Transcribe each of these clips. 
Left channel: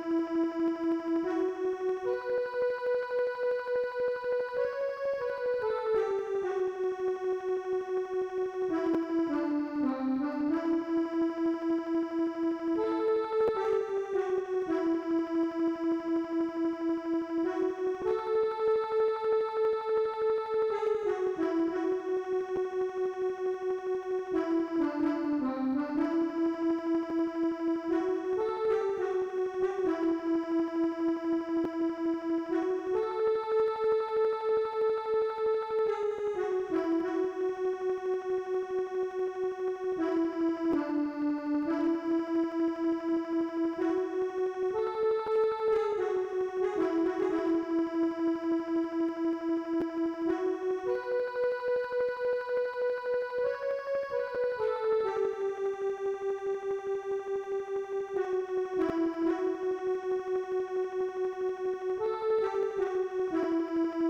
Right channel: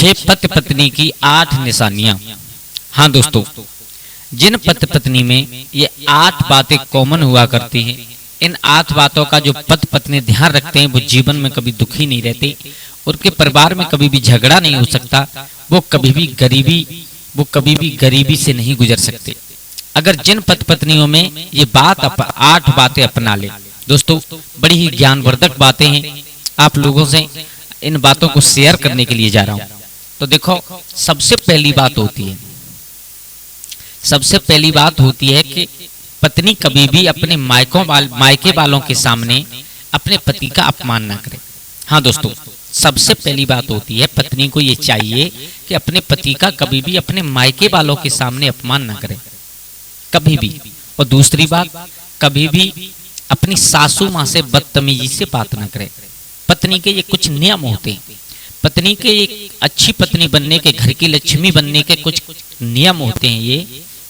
6 पति पत्नी की 8 निशानियां। हाँ दोस्तों, जिन पति पत्नी में ये 8 बातें कॉमन हुआ करती हैं, इन 8 बातों का जो पति पत्नी ध्यान रखते हैं वो जीवन में कभी दुखी नहीं रहते, उनके परिवार में कभी भी झगड़ा नहीं हो सकता, वो कभी भी गरीबी से नहीं गुजर सकते। अगर जिन पति पत्नियों में ये 8 बातें अपना ले दोस्तों, बड़ी ही ज्ञानवर्धक बातें हैं, आप लोगों से इन बातों को शेयर करने के लिए जा रहा हूं। तो देखो, सबसे पहली बात होती है कि पत्नी कभी भी अपने मायके वालों के सामने अपने पति का अपमान ना करे। हाँ दोस्तों, सबसे पहली बात होती है पत्नी को ये चाहिए कि अपने पति का कभी भी अपने मायके वालों के सामने अपमान ना करे, कभी भी। और दूसरी बात, कभी भी अपनी सासू माँ से बदतमीजी से बात ना करे। पत्नी के ये कुछ नियम होते हैं, पत्नी के एक अच्छी पत्नी बनने के, घर की लक्ष्मी बनने के कुछ नियम होते हैं ये।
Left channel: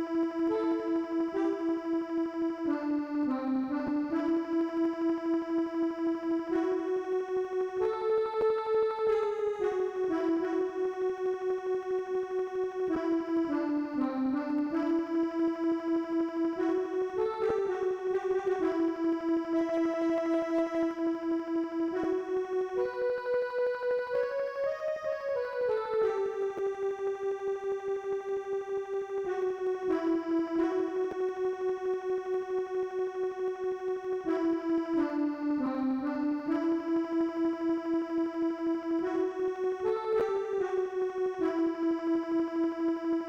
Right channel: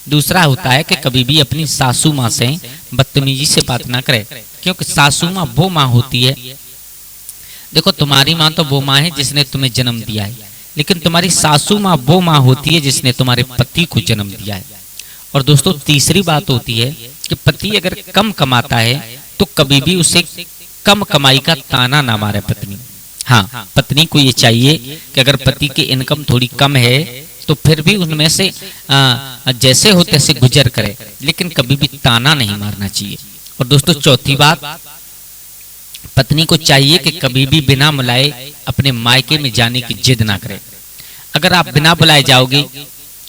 दूसरा होता है कि कभी भी अपनी सासू माँ से बदतमीजी से बात ना करे, क्योंकि सासू माँ वो माँ होती है। देखो, तुम्हारी माँ तो वो माँ है जिसने तुम्हें जन्म दिया है, लेकिन तुम्हारी सासू माँ वो माँ होती है जिसने तुम्हारे पति को जन्म दिया है। और दोस्तों, तीसरी बात होती है कि पति अगर कम कमाता है तो कभी भी उसे कम कमाई का ताना ना मारे पत्नी। हाँ, पत्नी को ये चाहिए कि अगर पति की इनकम थोड़ी कम है तो फिर भी उनमें से जैसे हो तैसे गुजर करे, लेकिन कभी भी ताना नहीं मारना चाहिए। और दोस्तों, चौथी बात, पत्नी को चाहिए कि कभी भी बिना बुलाए अपने मायके में जाने की जिद ना करे। अगर आप बिना बुलाए जाओगे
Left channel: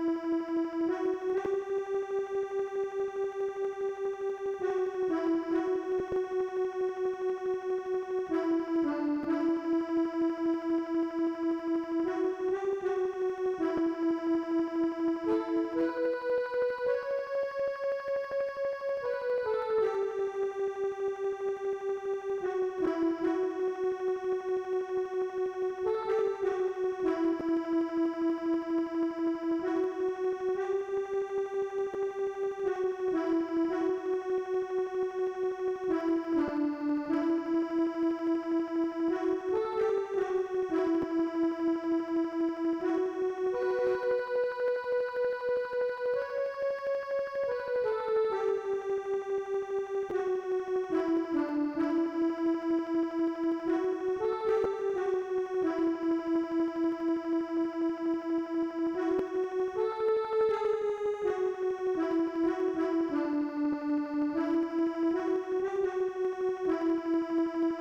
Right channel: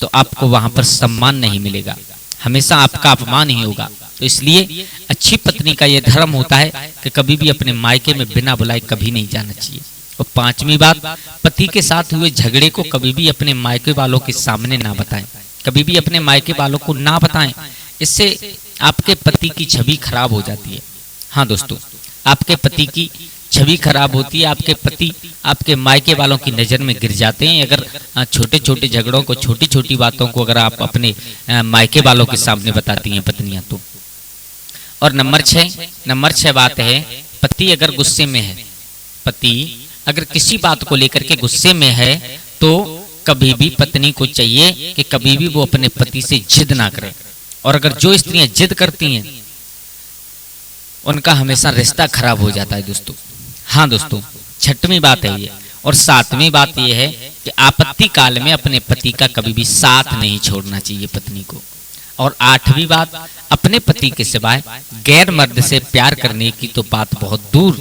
तो आपको वहां पर सम्मान नहीं मिलेगा, हमेशा आपका अपमान ही होगा। तो इसलिए अच्छी पत्नी का यह धर्म होता है कि कभी भी अपने मायके में बिना बुलाए कभी नहीं जाना चाहिए। और पांचवी बात, पति के साथ हुए झगड़े को कभी भी अपने मायके वालों के सामने ना बताएं, कभी भी अपने मायके वालों को ना बताएं, इससे आपके पति की छवि खराब हो जाती है। हाँ दोस्तों, आपके पति की छवि खराब होती है, आपके पति आपके मायके वालों की नज़र में गिर जाते हैं अगर छोटे छोटे झगड़ों को, छोटी छोटी बातों को अगर आप अपने मायके वालों के सामने बताती हैं पत्नियां तो। और नंबर 6 बात है, पति अगर गुस्से में है, पति अगर किसी बात को लेकर के गुस्से में है तो कभी भी पत्नी को चाहिए कि कभी भी वो अपने पति से जिद ना करे। और अगर जो स्त्रियां जिद करती हैं उनका हमेशा रिश्ता खराब हो जाता है दोस्तों। हाँ दोस्तों, 6वीं बात है ये। और 7वीं बात ये है कि आपत्ति काल में अपने पति का कभी भी साथ नहीं छोड़ना चाहिए पत्नी को। और 8वीं बात, अपने पति के सिवाय गैर मर्द से प्यार करने की तो बात बहुत दूर,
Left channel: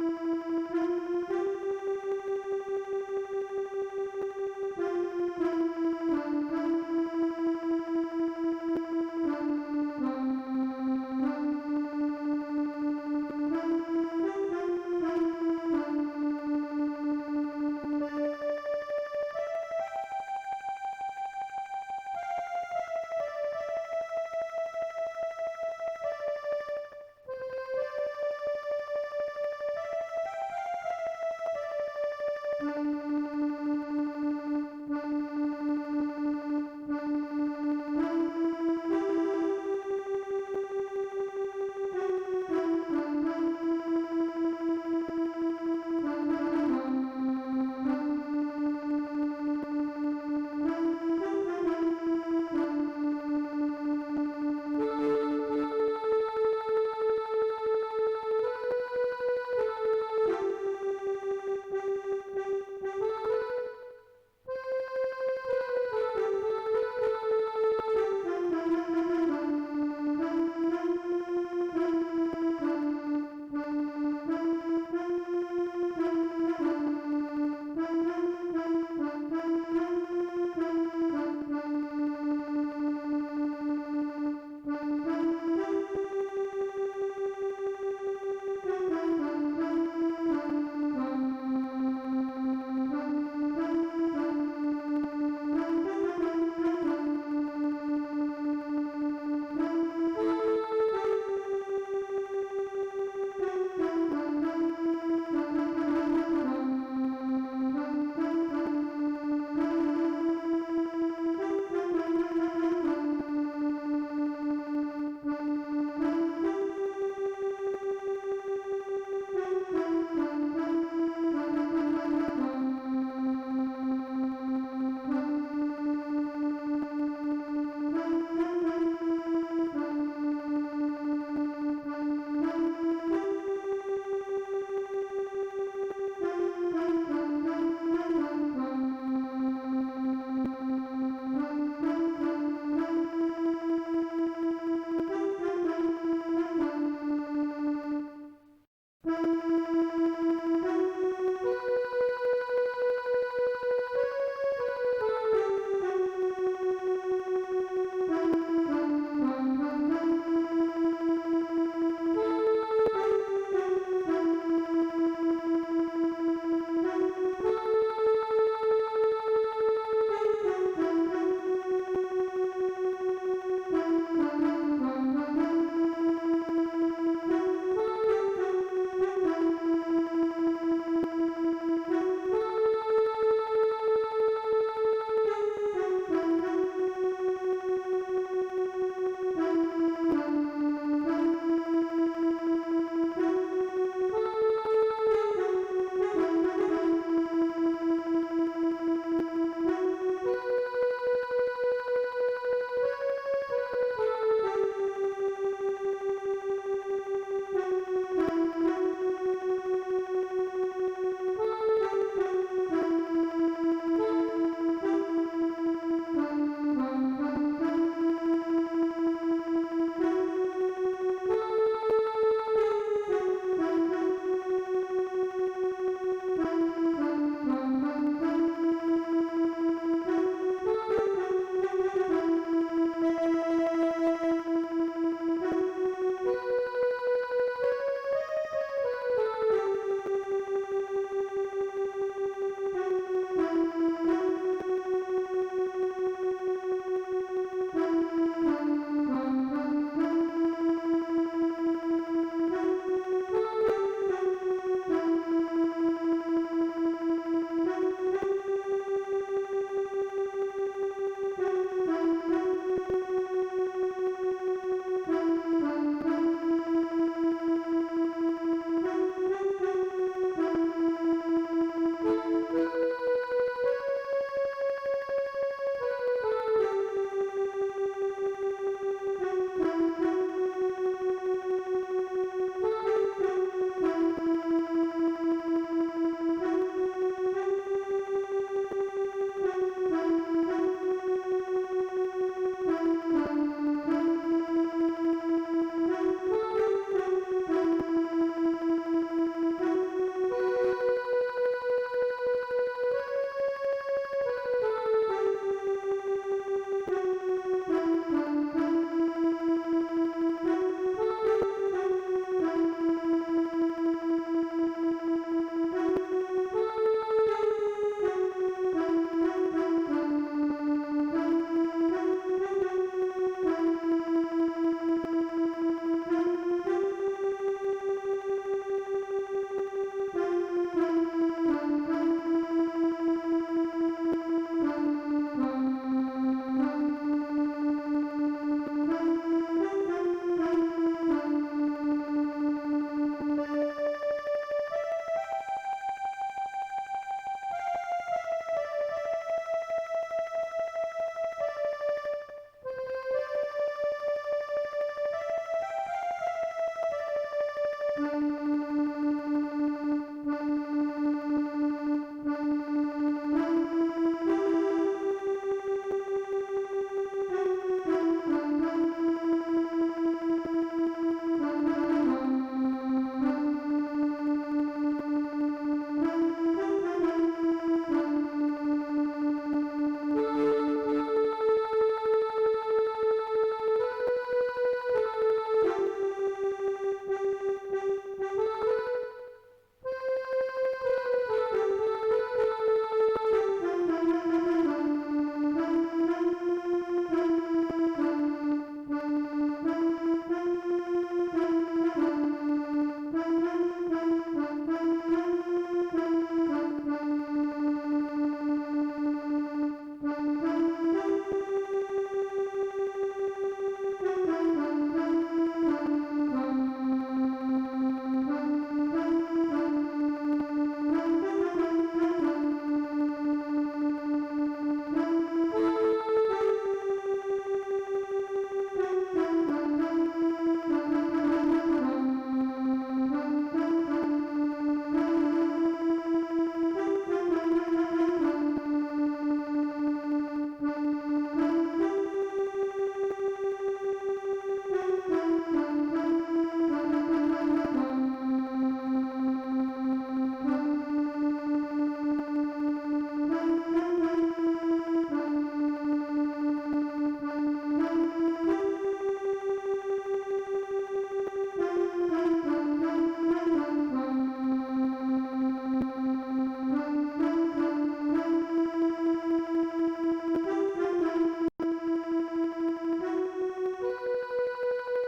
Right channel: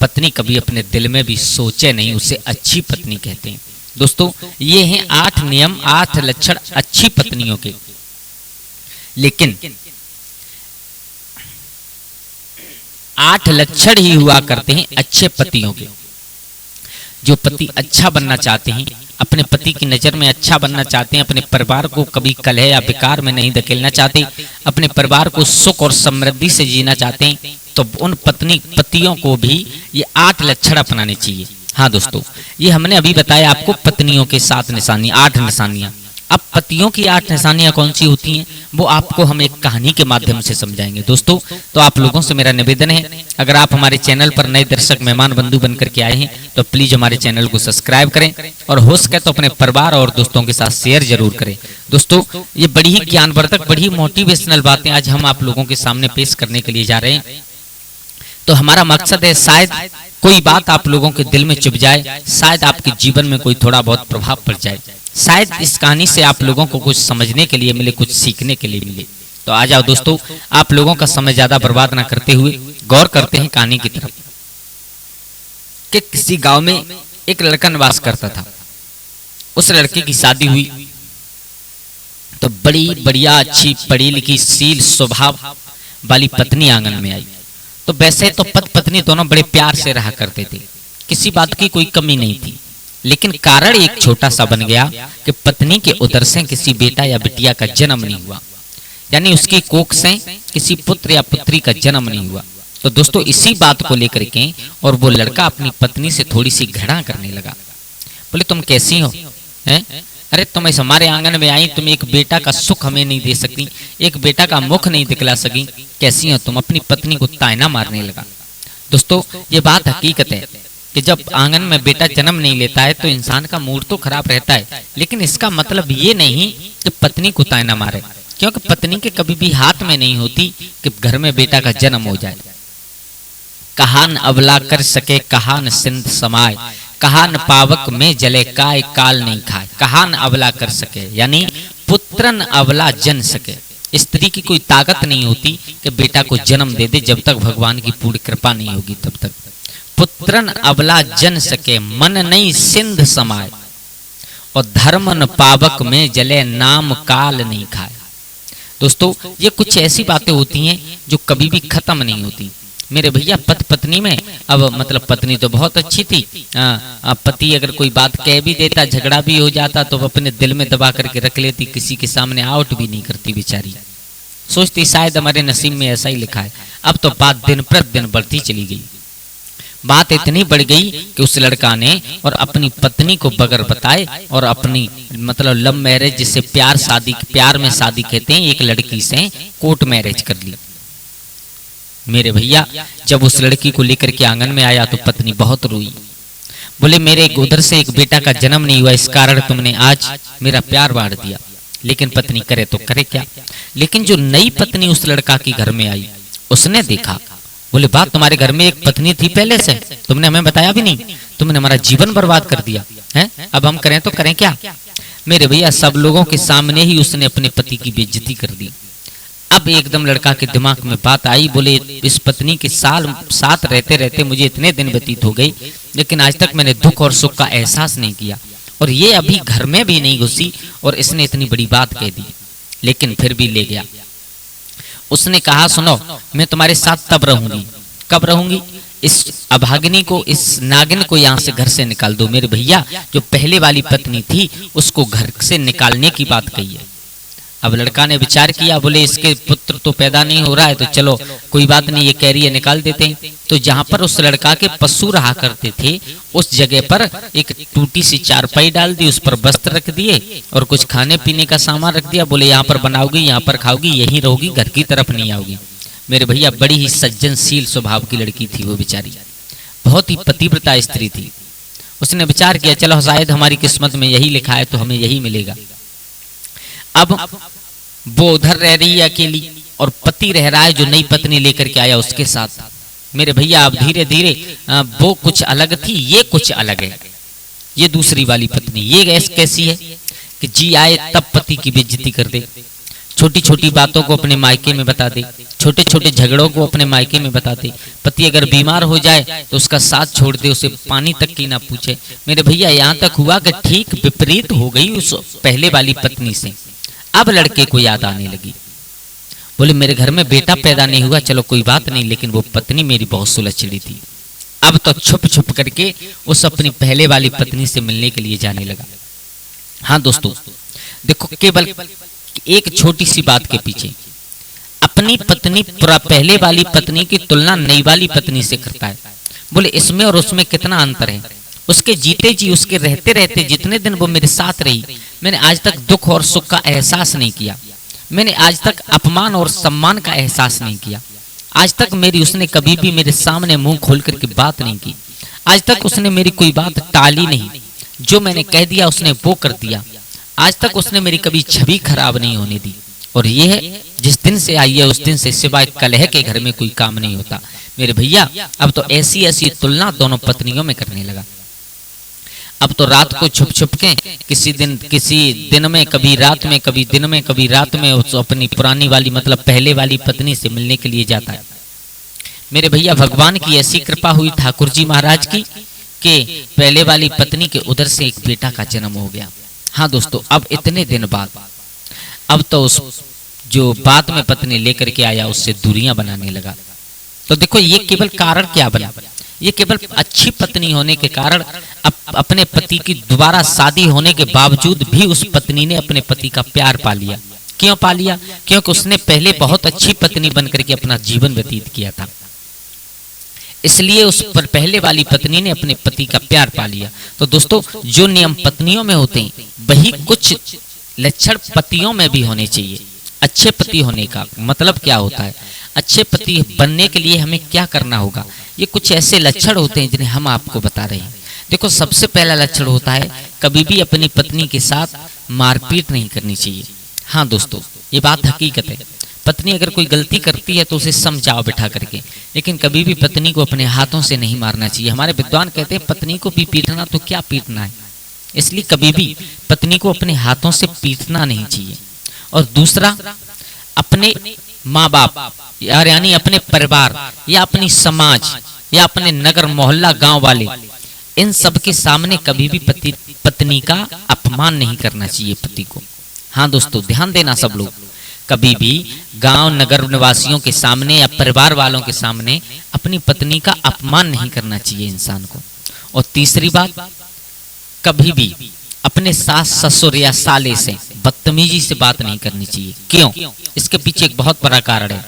पत्नी कभी अपने दिल में भी सोचे नहीं, उसे अच्छी पत्नी कहते हैं। दोस्तों, ये हैं 8 नियम, 8 लक्षण अच्छी पत्नियों के। लेकिन 8 लक्षण ही हुआ करते हैं अच्छे पतियों के। जो पति अच्छा बनना चाहते हैं, अपने पति की नज़र में अच्छा बनना चाहते हैं, अपने परिवार को कभी कलह या बेकार में नहीं धकेलना चाहते, अपने परिवार को सुख और समृद्धि से जीना चाहते हैं, तो उन पतियों को भी ये 8 लक्षण अपनाने चाहिए। हाँ दोस्तों, ये हमने अभी बताया आपको पत्नियों के 7 निशानियां, 8 निशानियां। अब पतियों की 8 निशानियां कौन सी होती हैं वो आपको हम एक कहानी के माध्यम से समझाएंगे दोस्तों। तो आप लोगों से मेरा निवेदन है, अगर आप हमारे चैनल पर नए दर्शक मेहमान बंधु बनकर के आए हैं तो प्लीज हमारे चैनल को सब्सक्राइब करें, और हो सके तो अपने परिवार और दोस्तों के साथ शेयर जरूर करें। दोस्तों, ये बड़ी ही ज्ञानवर्धक, बड़ी ही मोटिवेशनल बातें आज हम आप लोगों के सामने पेश करने के लिए जा रहे हैं। तो हमारा मकसद है शायद कोई बात आप लोगों के दिल में चुभ जाए, शायद आपके जीवन में कोई थोड़ा बहुत प्रभाव पड़ जाए, शायद इस कहानी से आप लोगों को कुछ समझने के लिए मिले, कुछ सीखने के लिए मिले। तो आ जाओ दोस्तों, आप लोगों का समय ज्यादा बर्बाद ना करते हुए गौर करते हैं कहानी की तरफ। कि किसी गांव में एक लड़का निवास करता था। उस लड़के की शादी हुई तो बड़ी बढ़िया, अच्छी, पढ़ी लिखी, शील स्वभाव वाली पत्नी आंगन में आई। तो वैसे तो पति पत्नी दोनों बड़े प्यार से रहा करते थे, किसी बात की कोई कमी नहीं थी। लेकिन कारण एक छोटा सा बन गया कि पत्नी के उदर से किसी बेटा या बिटिया का जन्म नहीं हुआ, यानी उसकी कोख से किसी पुत्र या पुत्री का जन्म नहीं हुआ। तो दोस्तों, इसी बात को लेकर के और वो लड़का अपनी पत्नी से थोड़ी सी घृणा करने लगा। बोले, तुम कैसी हो हैं? अरे तुम इस हमारे आंगन में आई, तुम एक बेटा का सुख हमें नहीं दे सकती, एक बेटा का मुख नहीं दिखला सकी, कैसी हो तुम? अपनी पत्नी को तायना मारने लगा। दोस्तों, ये बात हकीकत है कि जब आंगन में बेटा जन्म नहीं लेता है तो इंसान का मूड तो खराब रहता है, लेकिन इसका मतलब ये नहीं कि पत्नी को ताना मारे, क्योंकि पत्नी के कभी भी हाथ में नहीं होती कि घर में बेटा का जन्म हो जाए। कहा न अबला कर सके, कहा न सिंध समाए, कहा न पावक में जले, काय काल नहीं खाए। कहा न अबला कर सके यानी पुत्रन अबला जन सके। स्त्री की कोई ताकत नहीं होती कि बेटा को जन्म दे दे, जब तक भगवान की पूर्ण कृपा नहीं होगी तब तक। पुत्रन अबला जन सके, मन नहीं सिंध समाए, और धर्म न पावक में जले, नाम काल नहीं खाए। दोस्तों, ये कुछ ऐसी बातें होती हैं जो कभी भी खत्म नहीं होती। मेरे भैया पति पत्नी में, अब मतलब पत्नी तो बहुत अच्छी थी, पति अगर कोई बात कह भी देता, झगड़ा भी हो जाता, तो अपने दिल में दबा करके रख लेती, किसी के सामने आउट भी नहीं करती बेचारी। सोचती शायद हमारे नसीब में ऐसा ही लिखा है। अब तो बात दिन प्रतिदिन बढ़ती चली गई। बात इतनी बढ़ गई कि उस लड़का ने और अपनी पत्नी को बगैर बताए और अपनी मतलब लव मैरिज, जिसे प्यार में शादी कहते हैं, एक लड़की से कोर्ट मैरिज कर ली। मेरे भैया जब उस लड़की को लेकर के आंगन में आया तो पत्नी बहुत रोई। बोले मेरे उधर से एक बेटा का जन्म नहीं हुआ, इस कारण तुमने आज मेरा प्यार बांट दिया। लेकिन पत्नी करे तो करे क्या। लेकिन जो नई पत्नी उस लड़का की घर में आई, उसने देखा, बोले बात तुम्हारे घर में एक पत्नी थी पहले से, तुमने हमें बताया भी नहीं, तुमने हमारा जीवन बर्बाद कर दिया है, अब हम करें तो करें क्या। मेरे भैया सब लोगों के सामने ही उसने अपने पति की बेइज्जती कर दी। अब एकदम लड़का के दिमाग में बात आई, बोले इस पत्नी के साथ रहते रहते मुझे इतने दिन व्यतीत हो गए, लेकिन आज तक मैंने दुख और सुख का एहसास नहीं किया, और ये अभी घर में भी नहीं घुसी और इसने इतनी बड़ी बात कह दी। लेकिन फिर भी ले गया। उसने कहा सुनो, मैं तुम्हारे साथ तब रहूंगी, कब रहूंगी, इस अभागिनी को, इस नागिन को यहाँ से घर से निकाल दो। मेरे भैया जो पहले वाली पत्नी थी उसको घर से निकालने की बात कही है। अब लड़का ने विचार किया, बोले इसके पुत्र तो पैदा नहीं हो रहा है, तो चलो कोई बात नहीं, ये कह रही है निकाल देते हैं। तो जहाँ पर उस लड़का के पशु रहा करते थे, उस जगह पर एक टूटी सी चारपाई डाल दी, उस पर वस्त्र रख दिए और कुछ खाने पीने का सामान रख दिया। बोले यहाँ पर बनाओगी, यहाँ पर खाओगी, यहीं रहोगी, घर की तरफ नहीं आओगी। मेरे भैया बड़ी ही सज्जनशील स्वभाव की लड़की थी वो बेचारी, बहुत ही पतिव्रता स्त्री थी। उसने विचार किया चलो शायद हमारी किस्मत में यही लिखा है तो हमें यही मिलेगा। अब वो उधर रह रही है अकेली और पति रह रहा है जो नई पत्नी लेकर के आया उसके साथ। मेरे भैया अब धीरे धीरे वो कुछ अलग थी, ये कुछ अलग है। ये दूसरी वाली पत्नी ये कैसी है कि जी आए तब पति की बेइज्जती कर दे, छोटी छोटी बातों को अपने मायके में बता दे, छोटे छोटे झगड़ों को अपने मायके में बता दे। पति अगर बीमार हो जाए तो उसका साथ छोड़ दे, उसे पानी तक की ना पूछे। मेरे भैया यहाँ तक हुआ कि ठीक विपरीत हो गई उस पहले वाली पत्नी से। अब लड़के को याद आने लगी, बोले मेरे घर में बेटा पैदा नहीं हुआ, चलो कोई बात नहीं, लेकिन वो पत्नी मेरी बहुत सुलझी थी। अब तो छुप छुप करके उस अपनी पहले वाली पत्नी से मिलने के लिए जाने लगा। हाँ दोस्तों देखो, केवल एक छोटी सी बात के पीछे अपनी पत्नी पहले वाली पत्नी की तुलना नई वाली पत्नी से करता है। बोले इसमें और उसमें कितना अंतर है। उसके जीते जी, उसके रहते रहते जितने दिन वो मेरे साथ रही, मैंने आज तक दुख और सुख का एहसास नहीं किया। मैंने आज तक अपमान और सम्मान का एहसास नहीं किया। आज तक उसने कभी भी मेरे सामने मुंह खोल करके बात नहीं की। आज तक उसने मेरी कोई बात टाली नहीं, जो मैंने कह दिया उसने वो कर दिया। आज तक उसने मेरी कभी छवि खराब नहीं होने दी। और ये है जिस दिन से आई है उस दिन से सिवाय कलह के घर में कोई काम नहीं होता। मेरे भैया अब तो ऐसी ऐसी तुलना दोनों पत्नियों में करने लगा। अब तो रात को छुप छुप के किसी दिन में, कभी रात में, कभी दिन में, कभी रात में उस अपनी पुरानी वाली मतलब पहले वाली पत्नी से मिलने के लिए जाता है। मेरे भैया भगवान की ऐसी कृपा हुई ठाकुर जी महाराज की कि पहले वाली पत्नी के उधर से एक बेटा का जन्म हो गया। हाँ दोस्तों, अब इतने दिन बाद अब तो उस जो बाद में पत्नी लेकर के आया उससे दूरियां बनाने लगा। तो देखो ये केवल कारण क्या बना, ये केवल अच्छी पत्नी होने के कारण अपने पति की दोबारा शादी होने के बावजूद भी उस पत्नी ने अपने पति का प्यार पा लिया। क्यों पा लिया? क्योंकि उसने पहले बहुत अच्छी पत्नी बनकर के अपना जीवन व्यतीत किया था, इसलिए उस पर पहले वाली पत्नी ने अपने पति का प्यार पा लिया। तो दोस्तों जो नियम पत्नियों में होते हैं वही कुछ लक्षण पतियों में भी होने चाहिए। अच्छे पति होने का मतलब क्या होता है? अच्छे पति बनने के लिए हमें क्या करना होगा, ये कुछ ऐसे लक्षण होते हैं जिन्हें हम आपको बता रहे हैं। देखो, सबसे पहला लक्षण होता है कभी भी अपनी पत्नी के साथ मारपीट नहीं करनी चाहिए। हाँ दोस्तों, ये बात हकीकत है। पत्नी अगर कोई गलती करती है तो उसे समझाओ बिठा करके, लेकिन कभी भी पत्नी को अपने हाथों से नहीं मारना चाहिए। हमारे विद्वान कहते हैं पत्नी को भी पीटना तो क्या पीटना है, इसलिए कभी भी पत्नी को अपने हाथों से पीटना नहीं चाहिए। और दूसरा, अपने माँ बाप यानी अपने परिवार या अपनी समाज या अपने नगर मोहल्ला गांव वाले, इन सब के सामने कभी भी पत्नी का अपमान नहीं करना चाहिए पति को। हाँ दोस्तों, ध्यान देना सब लोग, कभी भी गांव नगर निवासियों के सामने या परिवार वालों के सामने अपनी पत्नी का अपमान नहीं करना चाहिए इंसान को। और तीसरी बात, कभी भी अपने सास ससुर या साले से बदतमीजी से बात नहीं करनी चाहिए। क्यों? इसके पीछे एक बहुत बड़ा कारण है।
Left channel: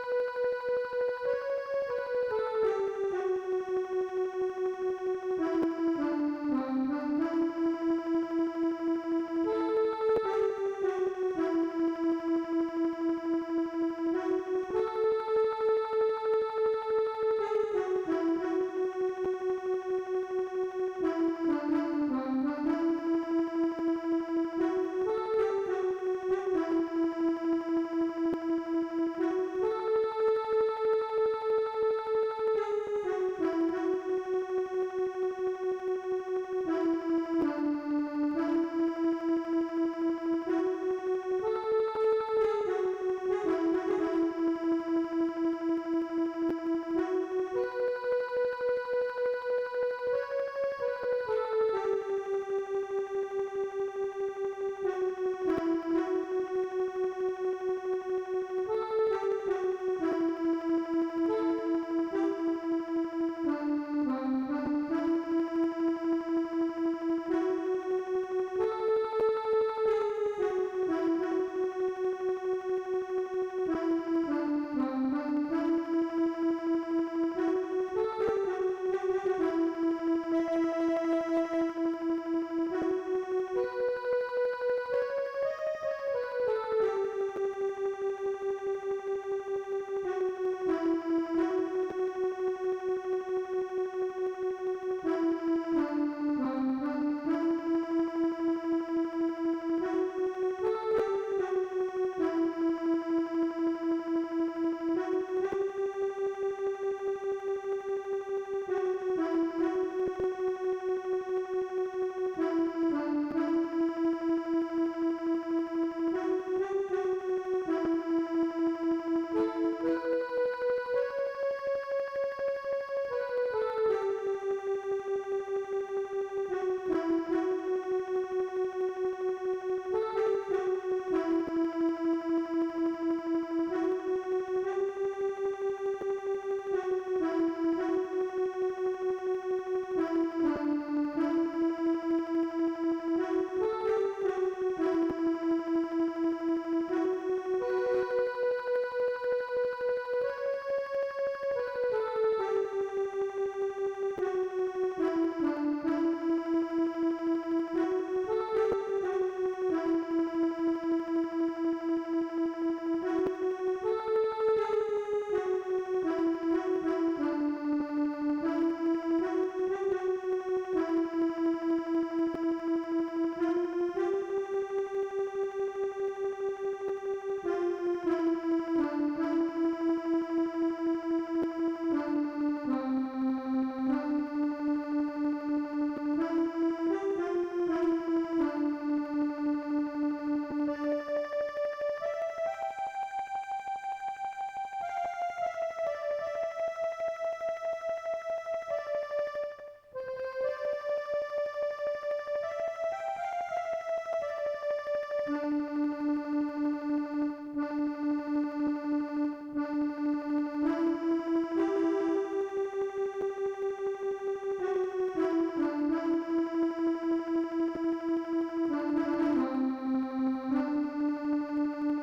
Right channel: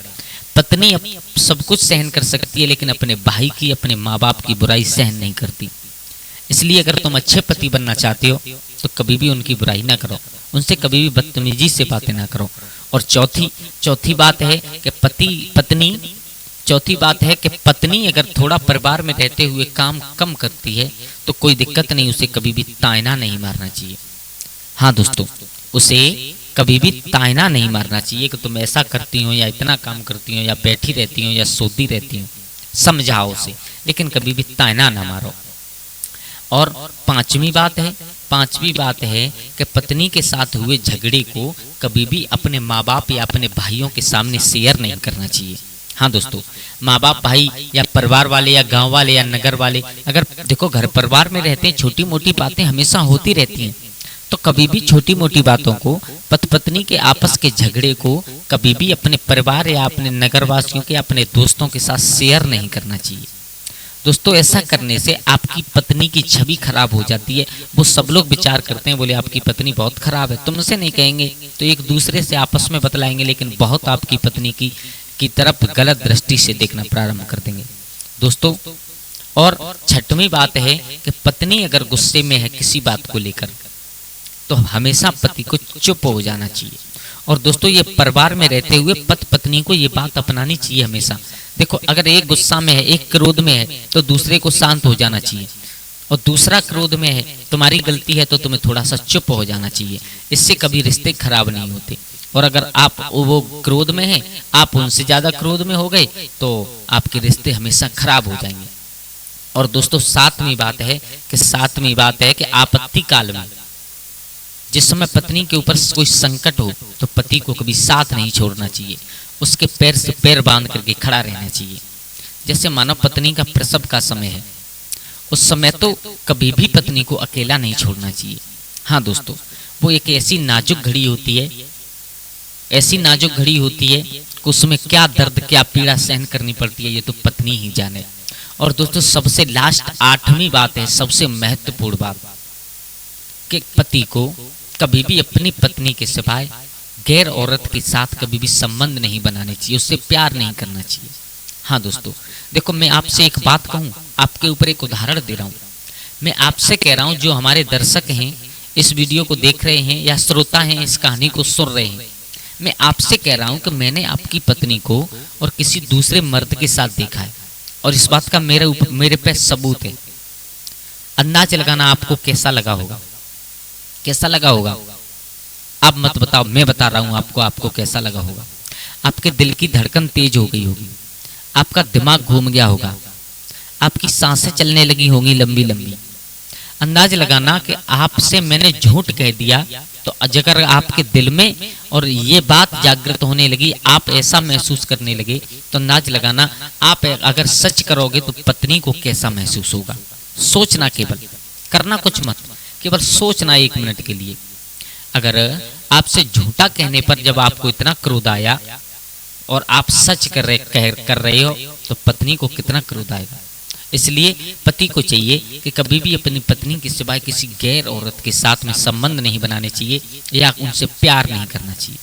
पत्नी सब कुछ सहन कर सकती है, लेकिन अपने भाई की, अपने माँ बाप की बुराई सहन नहीं करती। इसलिए अगर तुम अच्छे पति बनना चाहते हो तो कभी भी उनकी बुराई ना करो, उनसे कभी भी बदतमीजी से बातें ना करो। और चौथी बात है कि पत्नी अगर थोड़ा परिवार में रहते हुए काम कम करती है तो कोई दिक्कत नहीं, उसे कभी भी तायना नहीं मारना चाहिए। हाँ दोस्तों, उसे कभी भी तायना नहीं मारना चाहिए कि तुम ऐसा करती हो या इतना काम करती हो या बैठी रहती हो या सोती रहती हो। समझाओ उसे, लेकिन कभी भी तायना ना मारो। और पांचवी बात है कि पत्नी के साथ हुए झगड़े को कभी भी अपने माँ बाप या अपने भाइयों के सामने शेयर नहीं करना चाहिए। हाँ दोस्तों, माँ बाप, भाई या परिवार वाले या गांव वाले या नगर वाले, अगर देखो घर परिवार में रहते हैं, छोटी मोटी बातें हमेशा होती रहती हैं, तो कभी भी छोटी मोटी बातों को, पत्नी के आपस के झगड़े को कभी भी अपने परिवार या अपने नगरवासियों के, अपने दोस्तों के साथ शेयर नहीं करना चाहिए। दोस्तों, ऐसा करने से आपकी पत्नी की छवि खराब हो जाती है। वो सब लोग विचार करते हैं, बोले आपकी पत्नी बहुत खराब है, तुमसे नहीं कहेंगे तो एक दूसरे से आपस में बतलाएंगे, लेकिन बहुत आपकी पत्नी की तरफ गलत दृष्टि से देखना प्रारंभ कर देंगे दोस्तों। और छठवीं बात है कि पत्नी अगर गुस्से में है किसी बात को लेकर तो हमेशा पति को चुप हो जाना चाहिए। और दोस्तों, ये परिवार में रहते हुए पत्नी को ये बात अपनानी चाहिए हमेशा। देखो, अगर एक गुस्सा में है, एक क्रोध में है, तो दूसरे को शांत हो जाना चाहिए। और दूसरा क्रोध में है, तुम्हारी गलती है तो तुम्हें थोड़ा सा चुप हो जाना चाहिए। इससे कभी रिश्ते खराब नहीं होते। और अगर आप वो क्रोध में हैं, आप उनसे ज़्यादा क्रोध में हो गए तो आपके रिश्ते हमेशा खराब हो जाएंगे। और दोस्तों, सातवीं बात है कि आपत्ति काल में, जिस समय पत्नी के ऊपर कोई संकट हो तो पति को कभी साथ नहीं छोड़ना चाहिए, उसके पैर से पैर बांध करके खड़ा रहना चाहिए। जैसे मानो पत्नी का प्रसव का समय है, उस समय तो कभी भी पत्नी को अकेला नहीं छोड़ना चाहिए। हाँ दोस्तों, वो एक ऐसी नाजुक घड़ी होती है कि उसमें क्या दर्द, क्या पीड़ा सहन करनी पड़ती है, ये तो पत्नी ही जाने। और दोस्तों, सबसे लास्ट आठवीं बात है, सबसे महत्वपूर्ण बात, कि पति को कभी भी अपनी पत्नी के सिवाय गैर औरत के साथ कभी भी संबंध नहीं बनाने चाहिए, उससे प्यार नहीं करना चाहिए। हाँ दोस्तों, देखो, मैं आपसे एक बात कहूँ, आपके ऊपर एक उदाहरण दे रहा हूँ। मैं आपसे कह रहा हूँ, जो हमारे दर्शक हैं, इस वीडियो को देख रहे हैं या श्रोता हैं, इस कहानी को सुन रहे हैं, मैं आपसे कह रहा हूँ कि मैंने आपकी पत्नी को और किसी दूसरे मर्द के साथ देखा है, और इस बात का मेरे पे सबूत है। अंदाज लगाना आपको कैसा लगा होगा, आप मत बताओ, मैं बता रहा हूँ आपको कैसा लगा होगा। आपके दिल की धड़कन तेज हो गई होगी, आपका दिमाग घूम गया होगा, आपकी सांसें चलने लगी होंगी लंबी लंबी। अंदाज लगाना कि आपसे मैंने झूठ कह दिया, तो अगर आपके दिल में और ये बात जागृत होने लगी, आप ऐसा महसूस करने लगे, तो अंदाज लगाना आप अगर सच करोगे तो पत्नी को कैसा महसूस होगा। सोचना, केवल करना कुछ मत, केवल सोचना 1 मिनट के लिए। अगर आपसे झूठा कहने पर जब आपको इतना क्रोध आया और आप सच कर रहे हो तो पत्नी को कितना क्रोध आएगा। इसलिए पति को चाहिए कि कभी भी अपनी पत्नी के सिवाय किसी गैर औरत के साथ में संबंध नहीं बनाने चाहिए या उनसे प्यार नहीं करना चाहिए।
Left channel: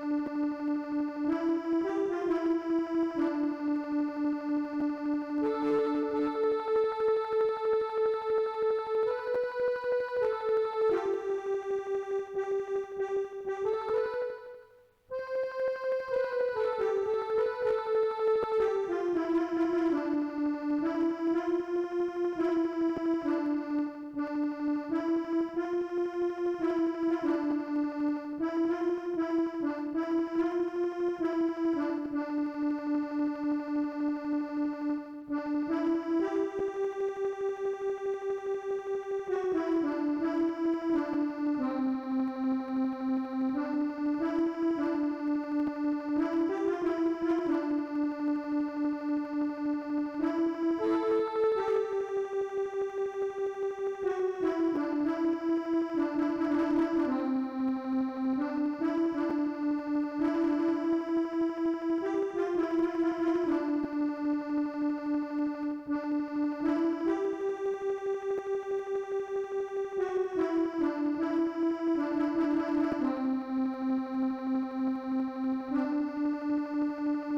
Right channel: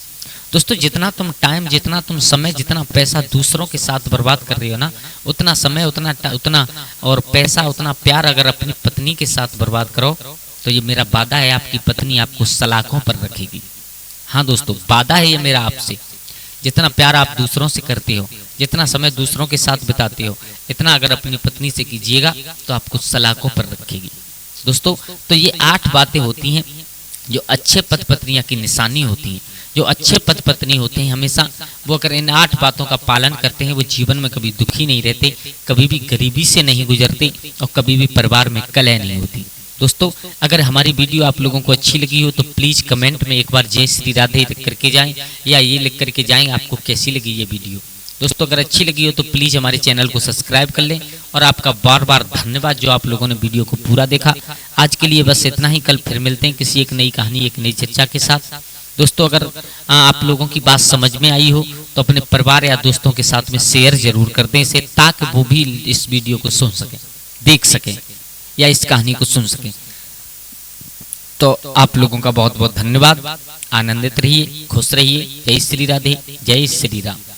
दोस्तों, जितना तुम टाइम, जितना तुम समय, जितना पैसा दूसरों के साथ बर्बाद कर रहे हो ना, उतना समय, उतना और पैसा, उतना प्यार अगर अपनी पत्नी के साथ बर्बाद करो तो ये मेरा वादा है, आपकी पत्नी आपको सलाखों पर रखेगी। हाँ दोस्तों, वादा है ये मेरा आपसे। जितना प्यार आप दूसरों से करते हो, जितना समय दूसरों के साथ बिताते हो इतना अगर अपनी पत्नी से कीजिएगा तो आपको सलाखों पर रखेगी। दोस्तों तो ये 8 बातें होती हैं जो अच्छे पति पत्नियां की निशानी होती हैं। जो अच्छे पति पत्नी होते हैं हमेशा वो अगर इन 8 बातों का पालन करते हैं वो जीवन में कभी दुखी नहीं रहते, कभी भी गरीबी से नहीं गुजरते और कभी भी परिवार में कलह नहीं होती। दोस्तों अगर हमारी वीडियो आप लोगों को अच्छी लगी हो तो प्लीज़ कमेंट में एक बार जय श्री राधे लिख करके जाएं या ये लिख करके जाएं आपको कैसी लगी ये वीडियो। दोस्तों अगर अच्छी लगी हो तो प्लीज़ हमारे चैनल को सब्सक्राइब कर लें और आपका बार बार धन्यवाद जो आप लोगों ने वीडियो को पूरा देखा। आज के लिए बस इतना ही, कल फिर मिलते हैं किसी एक नई कहानी एक नई चर्चा के साथ। दोस्तों अगर आप लोगों की बात समझ में आई हो तो अपने परिवार या दोस्तों के साथ में शेयर जरूर कर दें इसे, ताकि वो भी इस वीडियो को सुन सकें, देख सकें या इस कहानी को सुन सकें। तो आप लोगों का बहुत बहुत धन्यवाद। आनंदित रहिए, खुश रहिए। जय श्री राधे, जय श्री राम।